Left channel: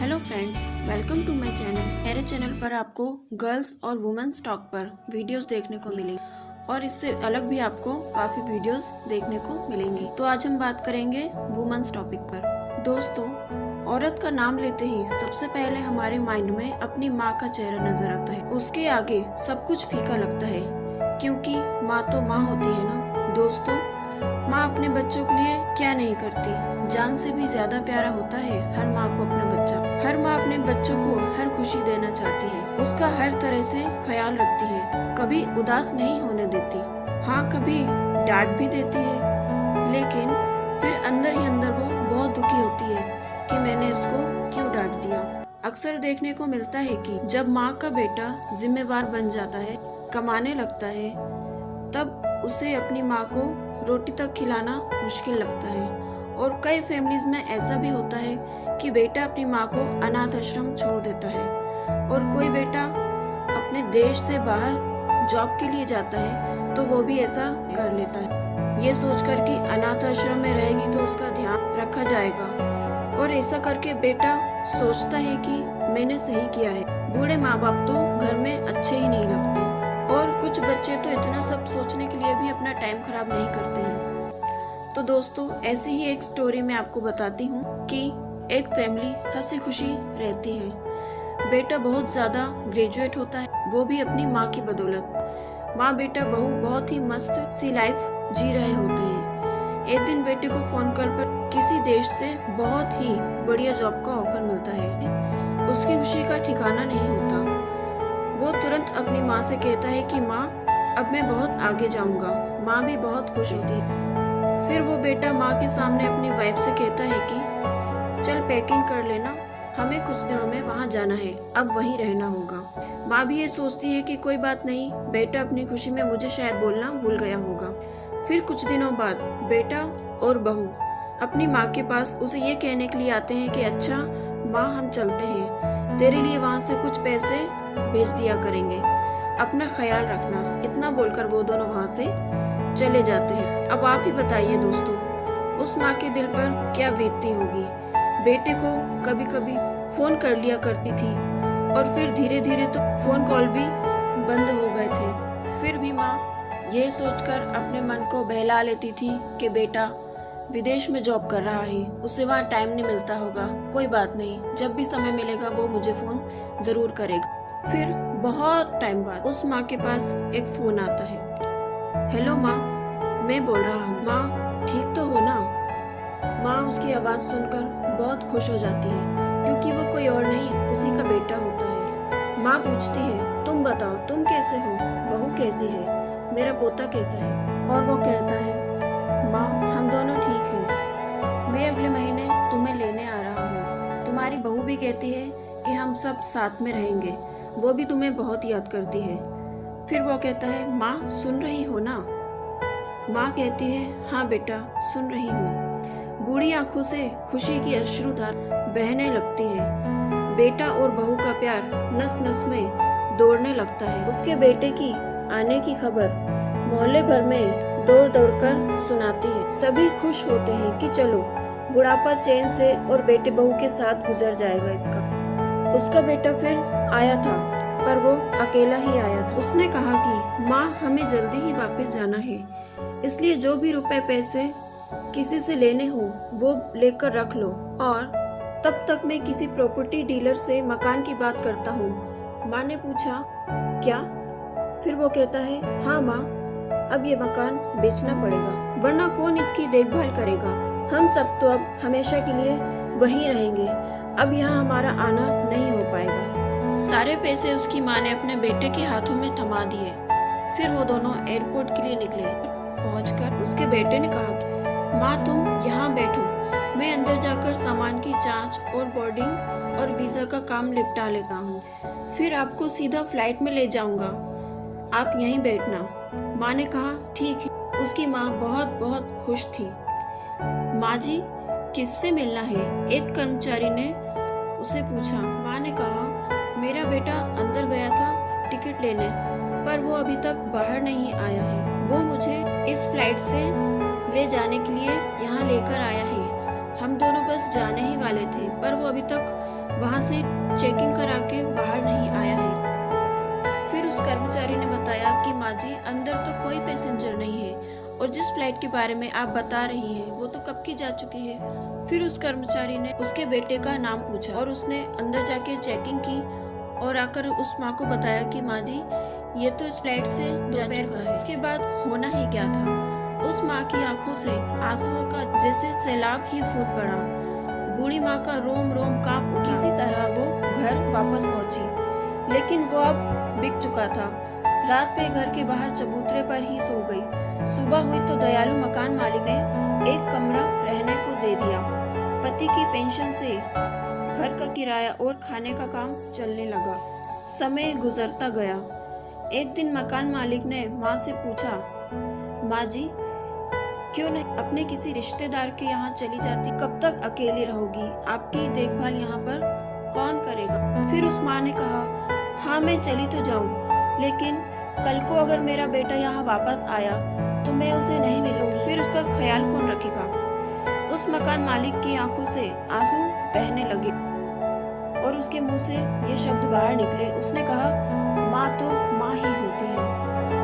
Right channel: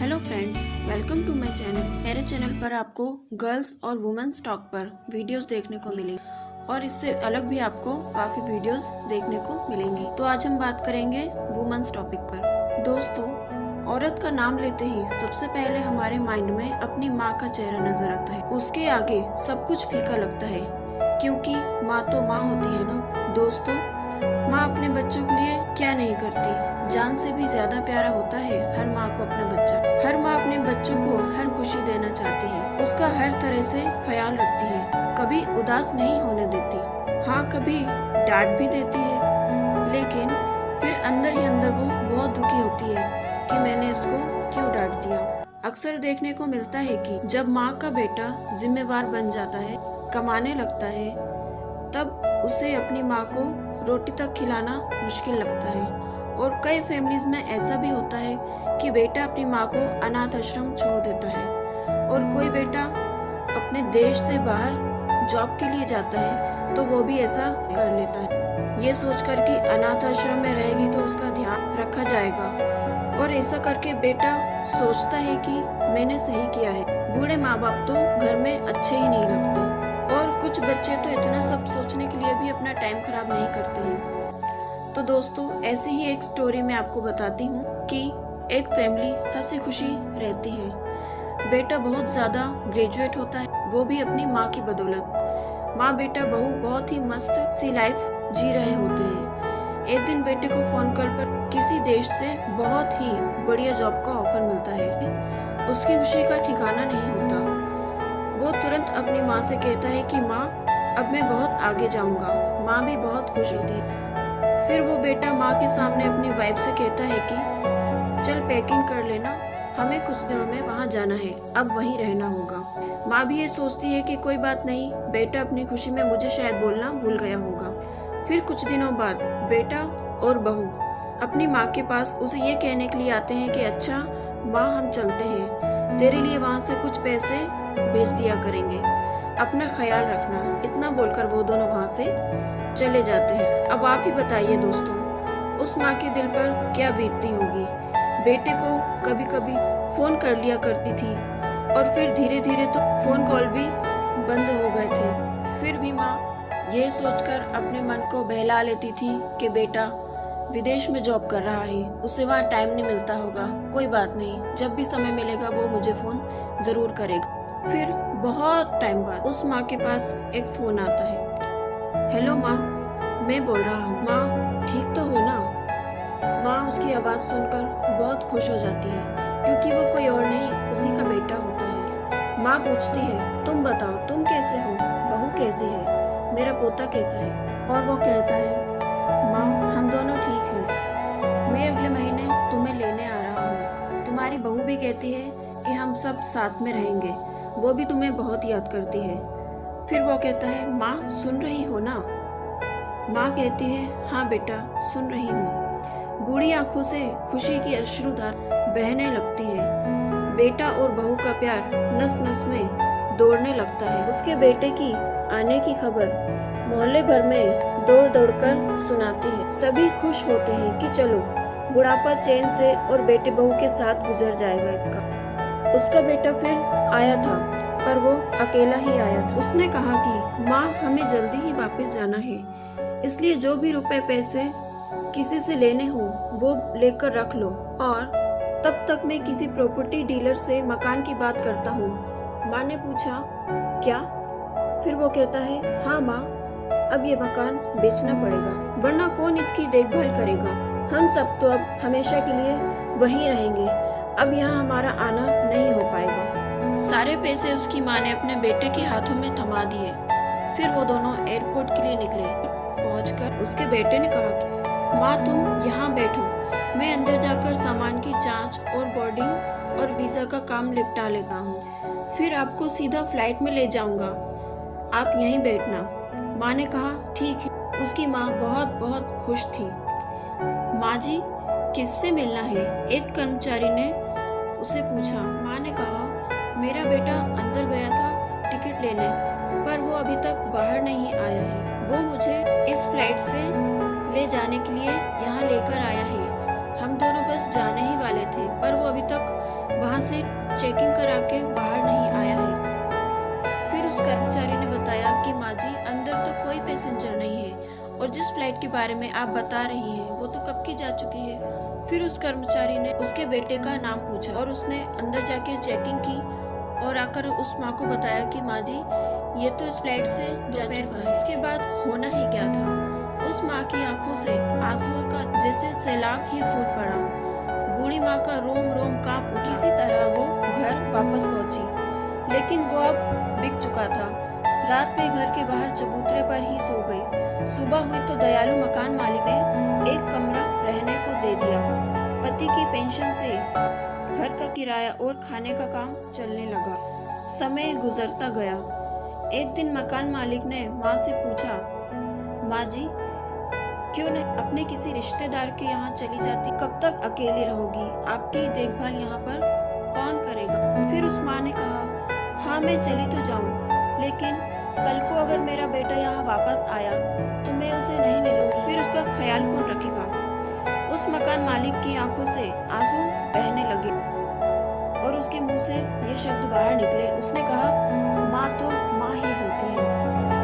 Hello friends, welcome to my channel. मेरे channel पर आपको गर्ल्स और वुमेन्स टॉक पर वीडियोस देखने को मिलेंगी और इससे अलग भी आपको काफ़ी वीडियोस देखने को मिलेंगी। तो आज हम बात करेंगे वुमेन्स टॉपिक पर। दोस्तों, औरत का नाम लेते ही सबसे पहले हमारे माइंड में अपनी माँ का चेहरा नजर आता है। उसके आगे सब कुछ फीका लगता है, क्योंकि माँ तो माँ होती है ना। दोस्तों, माँ अपने बच्चों के लिए क्या नहीं करती। जान से भी ज्यादा प्यारा होता है हर माँ को अपना बच्चा। हर माँ अपने बच्चों को हर खुशी देना चाहती है, उसका हर तरह से ख्याल रखती है, कभी उदास नहीं होने देती। हाँ, कभी डांट भी देती है, लेकिन फिर अंदर ही अंदर वो बहुत दुखी होती है कि मैंने इसको क्यों डांट दिया। अक्सर देखने को मिलता है कि जब माँ का बेटा जिम्मेवार बन जाता है, कमाने लगता है, तब उसे अपनी माँ को रोटी तक खिलाना मुश्किल लगता है। और कई फैमिलीज में ऐसा भी होता है कि बेटा अपनी माँ को अनाथ आश्रम छोड़ देता है, और कोई बेटा अपने देश से बाहर जॉब के लिए जाता है तो वो भी ऐसा कर लेता है, ये सोचकर कि अनाथ आश्रम में रहेगी तो उसका ध्यान रखा जाएगा। और ऐसा करके बेटा सोचता है कि मैंने सही किया है। बूढ़े माँ बाप तो घर में अच्छे ही नहीं लगते, और कुछ बच्चे तो इतना सब सोचने के लिए भी अपना टाइम खराब नहीं करते हैं। तो दोस्तों, ऐसी ही एक स्टोरी मैं आपको बताती हूँ कि एक फैमिली हंसी खुशी रहती है। बेटा बहुत ज्यादा ग्रेजुएट होता है, वो भी अपनी माँ की बदौलत। माँ बेटा बहू बहुत ही मस्त सी लाइफ जी रहे होते हैं। एक दिन बेटे को फोन कॉल पर किसी देश से बहुत ही बढ़िया जॉब का ऑफर मिलता है। उसकी खुशी का ठिकाना नहीं होता। वो तुरंत अपनी माँ से कहता है कि माँ, अब मैं बहुत आगे जाऊंगा। माँ भी बहुत खुश होती है। फिर वो बेटा माँ के सामने अपनी वाइफ से कहता है कि चल पैकिंग कर लेना, हमें कुछ दिनों में वहाँ जाना है, अब वहीं रहना होगा। माँ भी ये सोचती है कि कोई बात नहीं, बेटा अपनी खुशी में मुझे शायद बोलना भूल गया होगा। फिर कुछ दिनों बाद बेटा और बहू अपनी माँ के पास उसे ये कहने के लिए आते हैं कि अच्छा माँ, हम चलते हैं, तेरे लिए वहाँ से कुछ पैसे भेज दिया करेंगे, अपना ख्याल रखना। इतना बोलकर वो दोनों वहाँ से चले जाते हैं। अब आप ही बताइए दोस्तों, उस माँ के दिल पर क्या बीतती होगी। बेटे को कभी कभी फोन कर लिया करती थी, और फिर धीरे धीरे तो फोन कॉल भी बंद हो गए थे। फिर भी माँ ये सोचकर अपने मन को बहला लेती थी कि बेटा विदेश में जॉब कर रहा है, उसे वहाँ टाइम नहीं मिलता होगा, कोई बात नहीं, जब भी समय मिलेगा वो मुझे फोन जरूर करेगा। फिर बहुत टाइम बाद उस माँ के पास एक फोन आता है। हेलो माँ, मैं बोल रहा हूँ। माँ, ठीक तो हो ना? माँ उसकी आवाज़ सुनकर बहुत खुश हो जाती है, क्योंकि वो कोई और नहीं, उसी का बेटा होता है। माँ पूछती है, तुम बताओ, तुम कैसे हो? बहू कैसी है? मेरा पोता कैसा है? और वो कहता है, माँ, हम दोनों ठीक हैं। मैं अगले महीने तुम्हें लेने आ रहा हूँ। तुम्हारी बहू भी कहती है कि हम सब साथ में रहेंगे, वो भी तुम्हें बहुत याद करती है। फिर वो कहता है, माँ सुन रही हो ना? माँ कहती है, हाँ बेटा, सुन रही हूँ। बूढ़ी आंखों से खुशी की अश्रुधार बहने लगती है। बेटा और बहू का प्यार नस नस में दौड़ने लगता है। उसके बेटे की आने की खबर मोहल्ले भर में दौड़ दौड़ कर सुनाती है। सभी खुश होते हैं कि चलो बुढ़ापा चैन से और बेटे बहू के साथ गुजर जाएगा इसका। उसका बेटा फिर आया था, पर वो अकेला ही आया था। उसने कहा कि माँ, हमें जल्दी ही वापस जाना है, इसलिए जो भी रुपए पैसे किसी से लेने हो वो लेकर रख लो, और तब तक मैं किसी प्रॉपर्टी डीलर से मकान की बात करता हूँ। माँ ने पूछा, क्या? फिर वो कहता है, हाँ माँ, अब ये मकान बेचना पड़ेगा, वरना कौन इसकी देखभाल करेगा। हम सब तो अब हमेशा के लिए वहीं रहेंगे, अब यहाँ हमारा आना नहीं हो पाएगा। सारे पैसे उसकी माँ ने अपने बेटे के हाथों में थमा दिए। फिर वो दोनों एयरपोर्ट के लिए निकले। पहुंचकर उसके बेटे ने कहा कि माँ, तुम यहाँ बैठो, मैं अंदर जाकर सामान की जांच और बोर्डिंग और वीजा का काम निपटा लेता हूँ, फिर आपको सीधा फ्लाइट में ले जाऊंगा, आप यहीं बैठना। माँ ने कहा, ठीक है। उसकी माँ बहुत बहुत खुश थी। माँ जी, किससे मिलना है? एक कर्मचारी ने उसे पूछा। माँ ने कहा, मेरा बेटा अंदर गया था टिकट लेने, पर वो अभी तक बाहर नहीं आया है। वो मुझे इस फ्लाइट से ले जाने के लिए यहाँ लेकर आया है। हम दोनों बस जाने ही वाले थे, पर वो अभी तक वहां से चेकिंग करा के बाहर नहीं आया है। फिर उस कर्मचारी ने बताया कि माँ जी, अंदर तो कोई पैसेंजर नहीं है और जिस फ्लाइट के बारे में आप बता रही हैं वो तो कब की जा चुकी है। फिर उस कर्मचारी ने उसके बेटे का नाम पूछा और उसने अंदर जाके चेकिंग की और आकर उस माँ को बताया कि माँ जी, ये तो इस फ्लाइट से जा चुका है। इसके बाद होना ही क्या था, उस माँ की आंखों से आंसुओं का जैसे सैलाब ही फूट पड़ा। बूढ़ी माँ का रोम रोम कांप उठा। किसी तरह वो घर वापस पहुंची, लेकिन वो अब बिक चुका था। रात में घर के बाहर चबूतरे पर ही सो गई। सुबह हुई तो दयालु मकान मालिक ने एक कमरा रहने को दे दिया। पति की पेंशन से घर का किराया और खाने का काम चलने लगा। समय गुजरता गया। एक दिन मकान मालिक ने माँ से पूछा, माँ जी, क्यों नहीं अपने किसी रिश्तेदार के यहाँ चली जाती? कब तक अकेली रहोगी? आपकी देखभाल यहाँ पर कौन करेगा? फिर उस माँ ने कहा, हाँ मैं चली तो जाऊँ, लेकिन कल को अगर मेरा बेटा यहाँ वापस आया तो मैं उसे नहीं मिलूंगी, फिर उसका ख्याल कौन रखेगा? उस मकान मालिक की आंखों से आंसू बहने लगे और उसके मुंह से ये शब्द बाहर निकले। उसने कहा, माँ तो माँ ही होती है।